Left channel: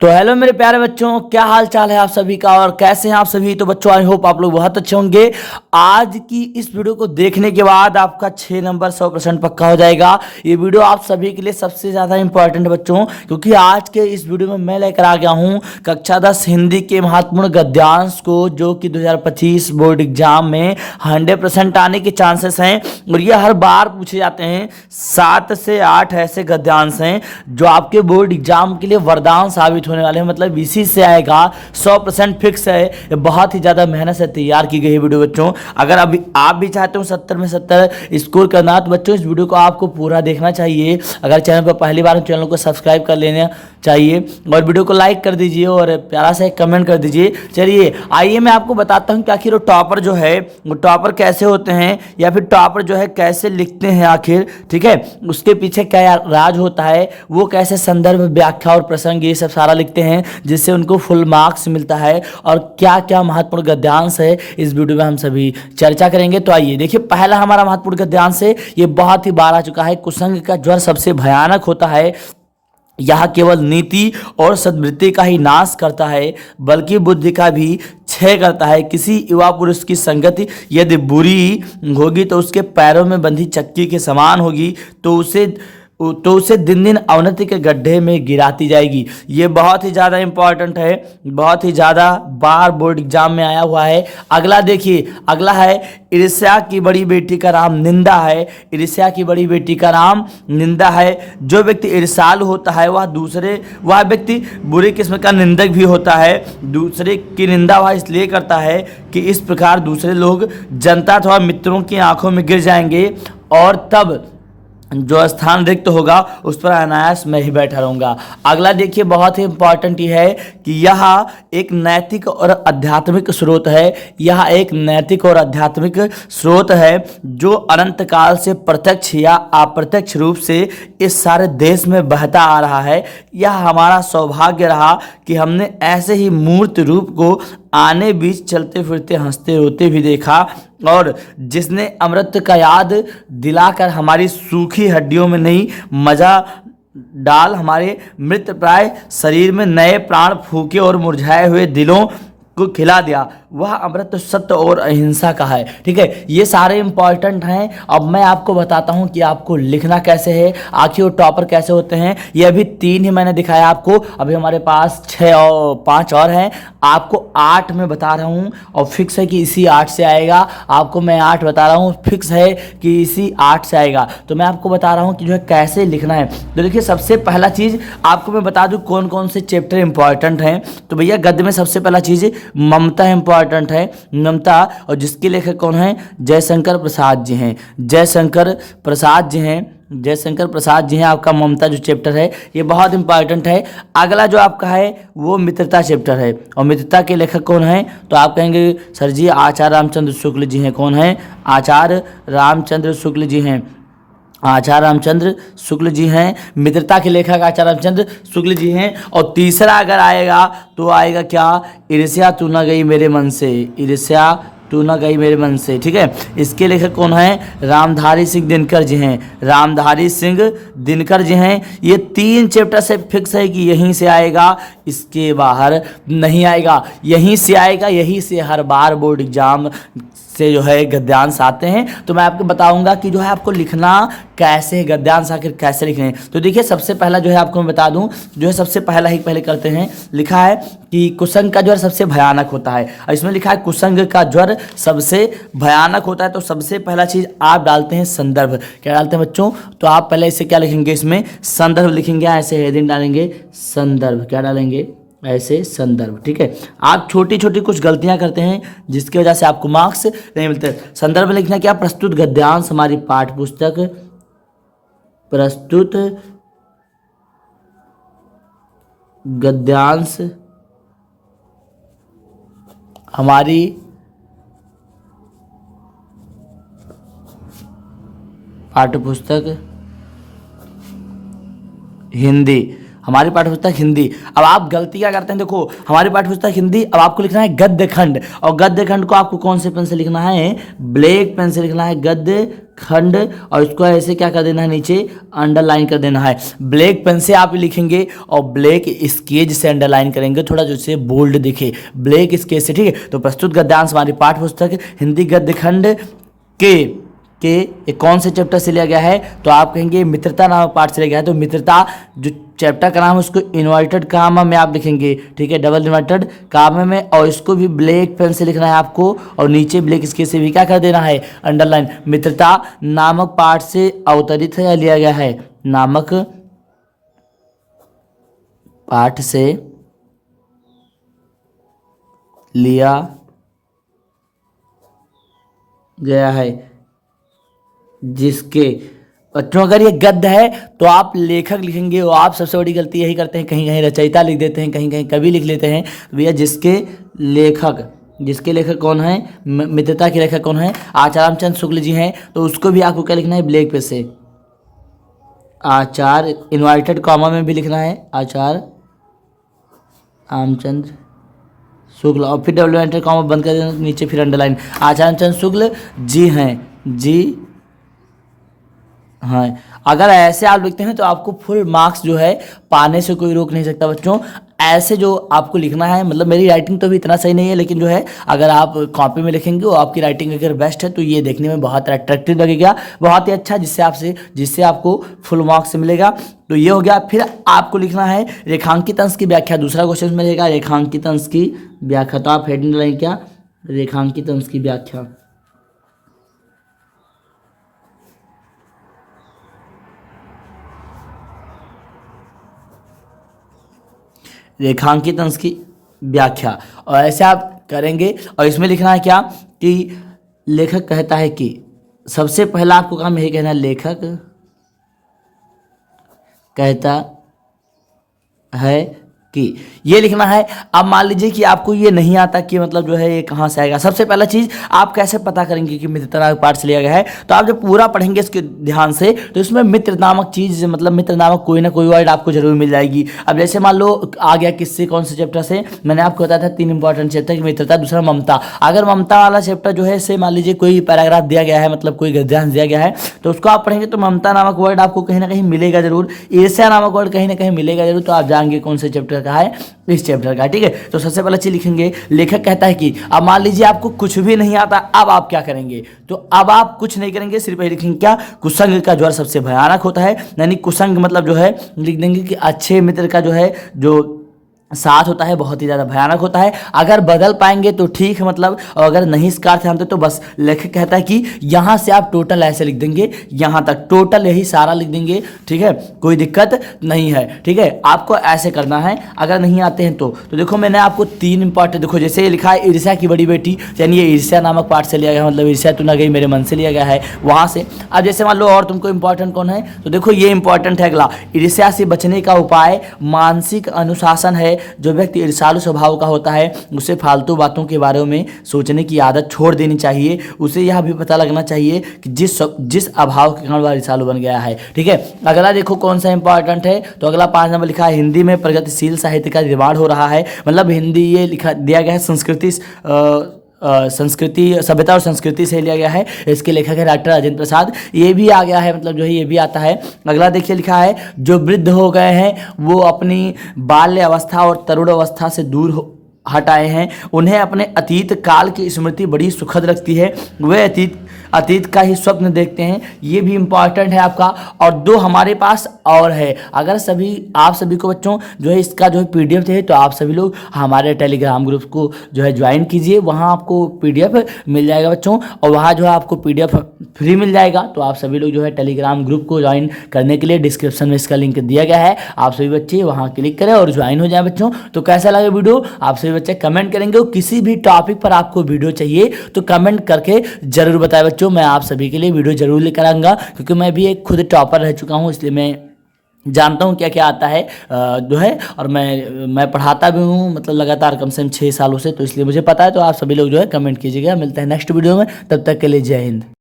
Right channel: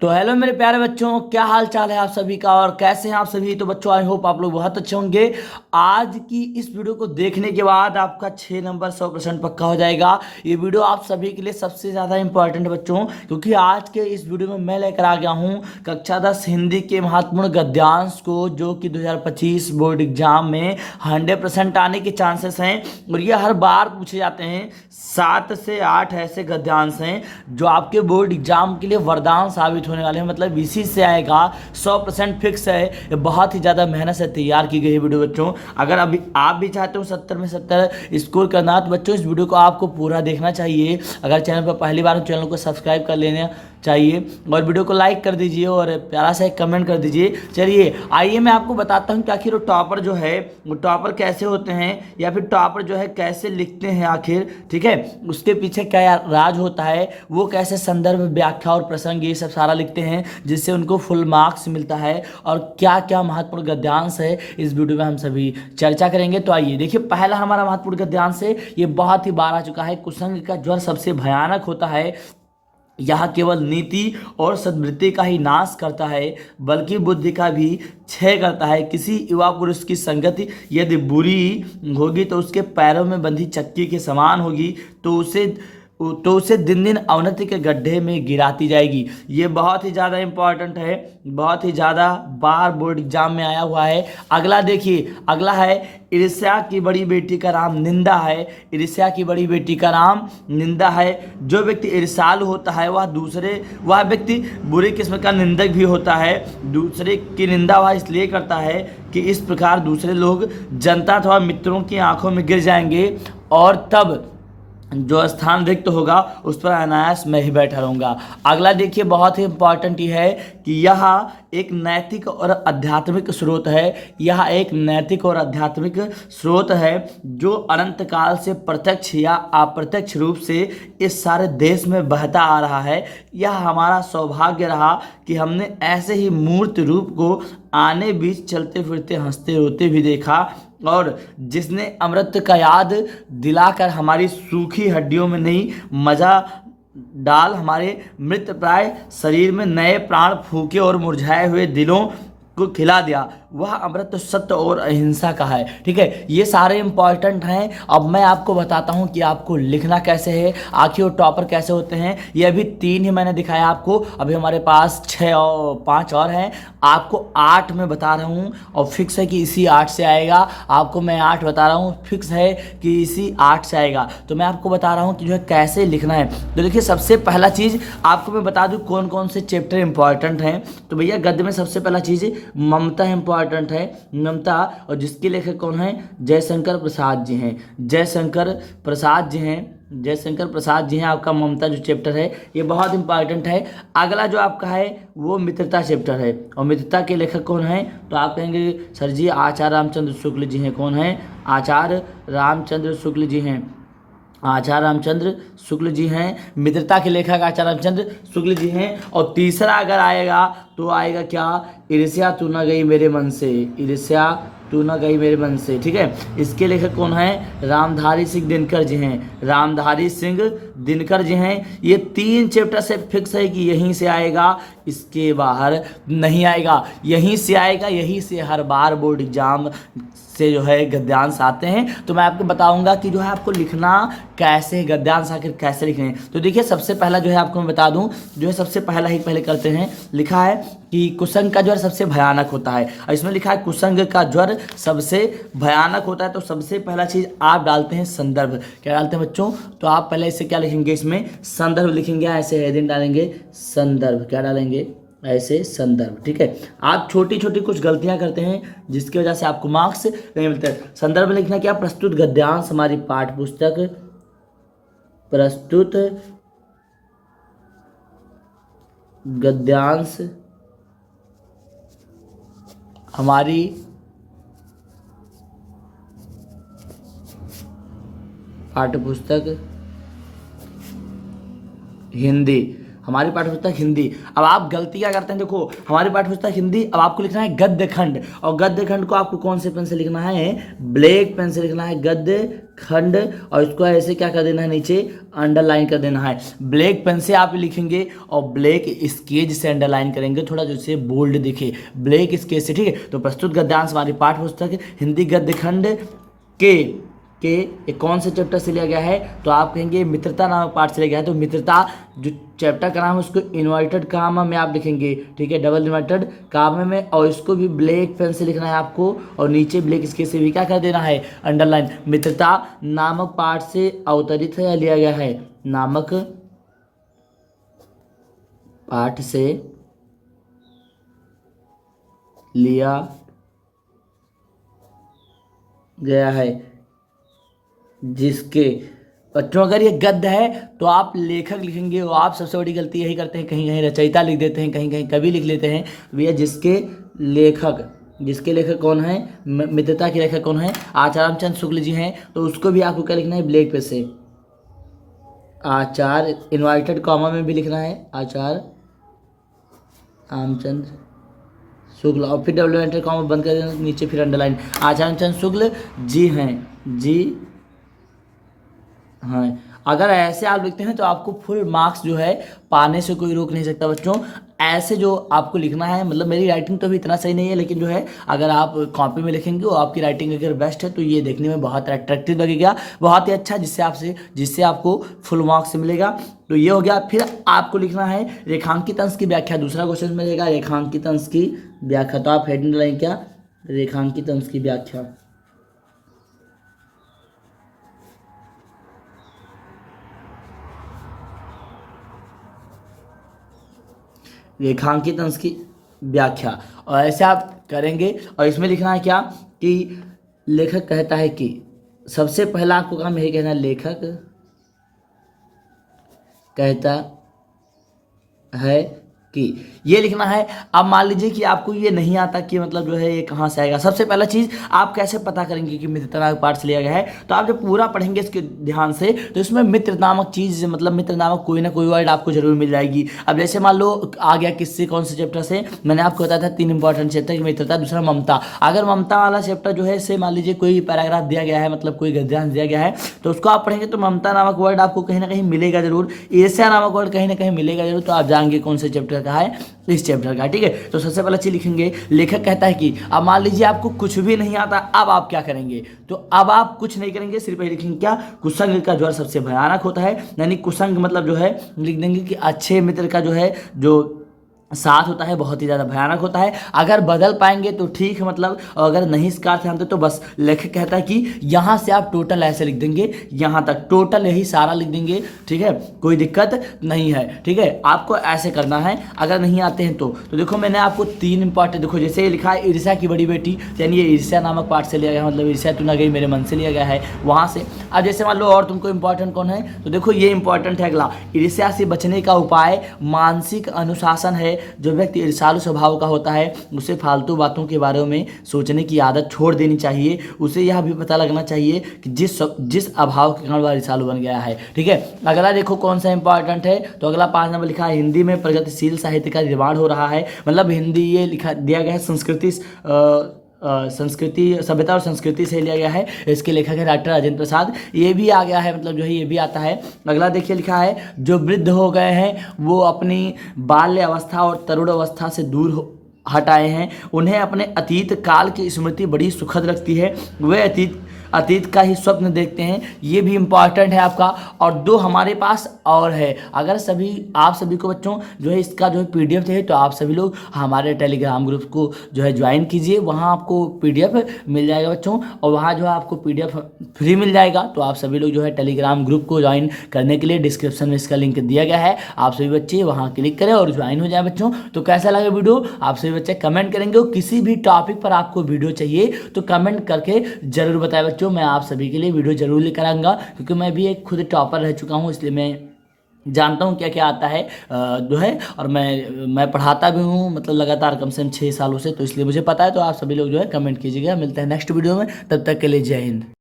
तो हेलो मेरे प्यारे बच्चों, क्या हाल चाल है आप सभी का और कैसे हैं आप सभी। तो बच्चों आई होप आप लोग बहुत अच्छे होंगे। आज की इस वीडियो को देखने के बाद आपका 6 नंबर 100% पक्का हो जाएगा। ये वीडियो आप सभी के लिए सबसे ज़्यादा इंपॉर्टेंट बच्चों, क्योंकि आज के इस वीडियो में मैं लेकर आ गया हूँ कक्षा 10 हिंदी के महत्वपूर्ण गद्यांश को, जो कि 2025 बोर्ड एग्जाम में 100% आने के चांसेस हैं। और ये हर बार पूछे जाते हैं। 7 से 8 ऐसे गद्यांश हैं जो आपके बोर्ड एग्जाम के लिए वरदान साबित होने वाले हैं। मतलब इसी से आएगा, 100% फिक्स है। ये बहुत ही ज़्यादा मेहनत से तैयार की गई है वीडियो बच्चों। अगर अभी आप भी चाहते हो 70 में 70 स्कोर करना, तो बच्चों इस वीडियो को आपको पूरा देखना चाहिए। अगर चैनल पर पहली बार चैनल को सब्सक्राइब कर लेना चाहिए और वीडियो को लाइक कर दीजिए और प्यारा सा एक कमेंट कर दीजिए। चलिए आइए मैं आपको बताता हूँ कि आखिर वो टॉपर जो है वो टॉपर कैसे होते हैं, या फिर टॉपर जो है कैसे लिखते हैं आखिर। ठीक है, उसके पीछे क्या राज होता है, वो कैसे संदर्भ, व्याख्या और प्रसंग ये सब सारा लिखते हैं जिससे उनको फुल मार्क्स मिलता है, और क्या क्या महत्वपूर्ण गद्यांश है इस वीडियो में हम सभी चर्चा करेंगे। तो आइए देखिए, पहला हमारा महत्वपूर्ण गद्यांश है, ये बहुत ही बार आ चुका है। कुसंग का ज्वर सबसे भयानक होता है। यह केवल नीति और सद्वृत्ति का ही नाश करता है, बल्कि बुद्धि का भी क्षय करता है। किसी युवा पुरुष की संगति यदि बुरी होगी तो उसके पैरों में बंधी चक्की के समान होगी, तो उसे दिन दिन अवनति के गड्ढे में गिराती जाएगी। ये बहुत ही ज़्यादा इंपॉर्टेंट है, बहुत ही ज़्यादा बार बोर्ड एग्जाम में आया हुआ है। अगला देखिए, अगला है ईर्ष्या की बड़ी बेटी का नाम निंदा है। ईर्ष्या की बड़ी बेटी का नाम निंदा है। जो व्यक्ति ईर्ष्यालु होता है वह व्यक्ति बुरी किस्म का निंदक भी होता है। दूसरे की निंदा वह इसलिए करता है कि इस प्रकार दूसरे लोग जनता अथवा मित्रों की आंखों में गिर जाएंगे, और तब जो स्थान रिक्त होगा उस पर अनायास मैं ही बैठा रहूँगा। अगला देखिए, बहुत ही इंपॉर्टेंट ये है कि यह एक नैतिक और आध्यात्मिक स्रोत है। यह एक नैतिक और आध्यात्मिक स्रोत है जो अनंत काल से प्रत्यक्ष या अप्रत्यक्ष रूप से इस सारे देश में बहता आ रहा है। यह हमारा सौभाग्य रहा कि हमने ऐसे ही मूर्त रूप को आने बीच चलते फिरते हंसते रोते भी देखा, और जिसने अमृत का याद दिलाकर हमारी सूखी हड्डियों में नहीं मजा डाल हमारे मृत प्राय शरीर में नए प्राण फूके और मुरझाए हुए दिलों को खिला दिया, वह अमृत सत्य और अहिंसा का है। ठीक है, ये सारे इंपॉर्टेंट हैं। अब मैं आपको बताता हूँ कि आपको लिखना कैसे है, आखिर वो टॉपर कैसे होते हैं। ये अभी 3 ही मैंने दिखाया आपको, अभी हमारे पास 6 और 5 और हैं। आपको 8 में बता रहा हूँ, और फिक्स है कि इसी 8 से आएगा। आपको मैं 8 बता रहा हूँ, फिक्स है कि इसी 8 से आएगा। तो मैं आपको बता रहा हूँ कि जो है कैसे लिखना है। तो देखिए, सबसे पहला चीज़ आपको मैं बता दूँ कौन कौन से चैप्टर इंपॉर्टेंट हैं। तो भैया गद्य में सबसे पहला चीज़ ममता इंपॉर्टेंट है, ममता, और जिसके लेखक कौन है, जयशंकर प्रसाद जी हैं। जयशंकर प्रसाद जी हैं, जयशंकर प्रसाद जी हैं। आपका ममता जो चैप्टर है ये बहुत इंपॉर्टेंट है। अगला जो आपका है वो मित्रता चैप्टर है, और मित्रता के लेखक कौन हैं, तो आप कहेंगे सर जी आचार्य रामचंद्र शुक्ल जी हैं। कौन हैं, आचार्य रामचंद्र शुक्ल जी हैं। आचार्य रामचंद्र शुक्ल जी हैं, मित्रता के लेखक आचार्य रामचंद्र शुक्ल जी हैं। और तीसरा अगर आएगा तो आएगा क्या, ईर्ष्या तू न गई मेरे मन से। ईर्ष्या तू न गई मेरे मन से। ठीक है, इसके लेखक कौन है, रामधारी सिंह दिनकर जी हैं। रामधारी सिंह दिनकर जी हैं। ये 3 चैप्टर से फिक्स है कि यहीं से आएगा, इसके बाहर नहीं आएगा। यहीं से आएगा, यहीं से हर बार बोर्ड एग्जाम से जो है गद्यांश आते हैं। तो मैं आपको बताऊंगा कि जो है आपको लिखना कैसे है, गद्यांश आखिर कैसे लिखें। तो देखिए, सबसे पहला जो है आपको मैं बता दूं, जो है सबसे पहले करते हैं। लिखा है कि कुसंग का ज्वर सबसे भयानक होता है, और इसमें लिखा है कुसंग का ज्वर सबसे भयानक होता है। तो सबसे पहला चीज़ आप डालते हैं संदर्भ। क्या डालते हैं बच्चों, तो आप पहले इसे क्या लिखेंगे, इसमें संदर्भ लिखेंगे। ऐसे हेडिंग डालेंगे संदर्भ, क्या डालेंगे, ऐसे संदर्भ। ठीक है, आप छोटी छोटी कुछ गलतियां करते हैं जिसकी वजह से आपको मार्क्स नहीं मिलते। संदर्भ में लिखना क्या, प्रस्तुत गद्यांश हमारी पाठ्य पुस्तक, प्रस्तुत गद्यांश हमारी पाठ्य पुस्तक हिंदी, हमारी पाठ्यपुस्तक हिंदी। अब आप गलती क्या करते हैं, देखो हमारी पाठ्यपुस्तक हिंदी, अब आपको लिखना है गद्य खंड, और गद्य खंड को आपको कौन से पेन से लिखना है, ब्लैक पेन से लिखना है। गद्य खंड, और इसको ऐसे क्या कर देना है, नीचे अंडरलाइन कर देना है। ब्लैक पेन से आप लिखेंगे और ब्लैक स्केच से अंडरलाइन करेंगे, थोड़ा जो से बोल्ड दिखे, ब्लैक स्केच से, ठीक है। तो प्रस्तुत गद्यांश हमारी पाठ्य पुस्तक हिंदी गद्य खंड के ये कौन से चैप्टर से लिया गया है, तो आप कहेंगे मित्रता नामक पाठ से लिया गया है। तो मित्रता जो चैप्टर का नाम है उसको इन्वर्टेड कामा में आप लिखेंगे, ठीक है, डबल इन्वर्टेड कामा में, और इसको भी ब्लैक पेन से लिखना है आपको, और नीचे ब्लैक स्केच से भी क्या कर देना है, अंडरलाइन। मित्रता नामक पाठ से अवतरित है या लिया गया है, नामक पाठ से लिया गया है, जिसके बच्चों अगर ये गद्य है तो आप लेखक लिखेंगे, और आप सबसे बड़ी गलती यही करते हैं, कहीं कहीं रचयिता लिख देते हैं, कहीं कहीं कवि लिख लेते हैं। भैया जिसके लेखक कौन है, मित्रता के लेखक कौन है, आचार्य रामचंद्र शुक्ल जी हैं, तो उसको भी आपको क्या लिखना है, ब्लैक पे से आचार्य इन्वर्टेड कॉमा में भी लिखना है, आचार्य रामचंद्र शुक्ल, और फिर डबल इन्वर्टेड कॉमा बंद कर देना, नीचे फिर अंडरलाइन, आचार्य रामचंद्र शुक्ल जी हैं, जी हाँ। अगर ऐसे आप लिखते हैं तो आपको फुल मार्क्स जो है पाने से कोई रोक नहीं सकता बच्चों। ऐसे जो आपको लिखना है, मतलब मेरी राइटिंग तो भी इतना सही नहीं है, लेकिन जो है अगर आप कॉपी में लिखेंगे और आपकी राइटिंग अगर बेस्ट है तो ये देखने में बहुत अट्रैक्टिव लगेगा, बहुत ही अच्छा, जिससे आपको फुल मार्क्स मिलेगा। तो ये हो गया। फिर आपको लिखना है रेखांकित अंश की व्याख्या, दूसरा क्वेश्चन मिलेगा रेखांकित अंश की व्याख्या। तो आप हेडिंग लाइन क्या, रेखांकित अंश की व्याख्या। रेखांकित अंश की व्याख्या, और ऐसे आप करेंगे, और इसमें लिखना है क्या कि लेखक कहता है कि, सबसे पहला आपको काम यही कहना है, लेखक कहता है कि, ये लिखना है। अब मान लीजिए कि आपको ये नहीं आता कि मतलब जो है ये कहाँ से आएगा। सबसे पहला चीज़ आप कैसे पता करेंगे कि मित्र नामक पाठ से लिया गया है, तो आप जब पूरा पढ़ेंगे इसके ध्यान से तो इसमें मित्र नामक चीज़, मतलब मित्र नामक कोई ना कोई वर्ड आपको जरूर मिल जाएगी। अब जैसे मान लो आ गया किससे, कौन से चैप्टर से, मैंने आपको बताया था 3 इंपॉर्टेंट चैप्टर की मित्रता, दूसरा ममता। अगर ममता वाला चैप्टर जो है से मान लीजिए कोई पैराग्राफ दिया गया है, मतलब कोई गद्यांश दिया गया है, तो उसको आप पढ़ेंगे तो ममता नामक वर्ड आपको कहीं ना कहीं मिलेगा जरूर, ईर्ष्या नामक वर्ड कहीं ना कहीं मिलेगा जरूर। तो आप जाएंगे कौन से चैप्टर का है, इस चैप्टर का, ठीक है। तो सबसे पहले चीज लिखेंगे लेखक कहता है कि। अब मान लीजिए आपको कुछ भी नहीं आता, अब आप क्या करेंगे, तो अब आप कुछ नहीं करेंगे, सिर्फ ये लिखेंगे क्या, कुसंग का ज्वर सबसे भयानक होता है। यानी कुसंग मतलब जो है लिख देंगे कि अच्छे मित्र का जो है जो साथ होता है बहुत ही ज़्यादा भयानक होता है। अगर बदल पाएंगे तो ठीक है, मतलब, और अगर नहीं इस कार से जानते तो बस लेखक कहता है कि यहाँ से आप टोटल ऐसे लिख देंगे, यहाँ तक टोटल यही सारा लिख देंगे, ठीक है, कोई दिक्कत नहीं है, ठीक है। आपको ऐसे करना है, अगर नहीं आते हैं तो देखो मैंने आपको 3 इंपॉर्टेंट, देखो जैसे ये लिखा है ईर्ष्या की बड़ी बेटी, यानी ये ईर्ष्या नामक पाठ से लिया गया, मतलब ईर्ष्या तू न गई मेरे मन से लिया गया है वहाँ से। अब जैसे मान लो और तुमको इंपॉर्टेंट कौन है, तो देखो ये इंपॉर्टेंट है अगला, ईर्ष्या से बचने का उपाय मानसिक अनुशासन है। जो व्यक्ति ईर्ष्यालु स्वभाव का होता है उसे फालतू बातों के बारे में सोचने की आदत छोड़ देनी चाहिए। उसे यह भी पता लगना चाहिए कि जिस अभाव के कारण वह ईर्ष्यालु बन गया है, ठीक है। अगला देखो कौन सा इंपॉर्टेंट है, तो अगला 5 नंबर लिखा है हिंदी में प्रगतिशील साहित्य का निर्माण हो रहा है। मतलब हिंदी ये लिखा दिया गया है संस्कृति सभ्यता और संस्कृति से लिया गया है। इसके लेखक है डॉक्टर राजेंद्र प्रसाद। ये भी आ गया है, मतलब जो है ये भी आता है। अगला देखिए लिखा है जो वृद्ध हो गए हैं वो अपनी बाल्य अवस्था और तरुण अवस्था से दूर हटाए हैं, उन्हें अपने अतीत काल की स्मृति बड़ी सुखद लगती है, वे अतीत का ही स्वप्न देखते हैं। ये भी इम्पॉर्टेंट है आपका। और 2 हमारे पास और है, अगर आप सभी को बच्चों जो है इसका जो है PDF चाहिए तो आप सभी लोग हमारे टेलीग्राम ग्रुप को जो है ज्वाइन कीजिए, वहाँ आपको PDF मिल जाएगा बच्चों, और वहाँ जो है आपको PDF फ्री मिल जाएगा। तो आप सभी लोग जो है टेलीग्राम ग्रुप को ज्वाइन करने के लिए डिस्क्रिप्शन में इसका लिंक दिया गया है, आप सभी बच्चे वहाँ क्लिक करें और ज्वाइन हो जाए बच्चों। तो कैसा लगा वीडियो, आप सभी बच्चे कमेंट करेंगे, और किसी भी टॉपिक पर आपको वीडियो चाहिए तो कमेंट करके जरूर बताएं बच्चों, मैं आप सभी के लिए वीडियो जरूर लेकर आऊंगा, क्योंकि मैं भी एक खुद टॉपर रह चुका हूं, इसलिए मैं जानता हूं क्या क्या आता है जो है, और मैं पढ़ाता भी हूं, मतलब लगातार कम से कम 6 सालों से, तो इसलिए मुझे पता है। तो आप सभी लोग जो है कमेंट कीजिएगा। मिलते हैं नेक्स्ट वीडियो में, तब तक के लिए जय हिंद।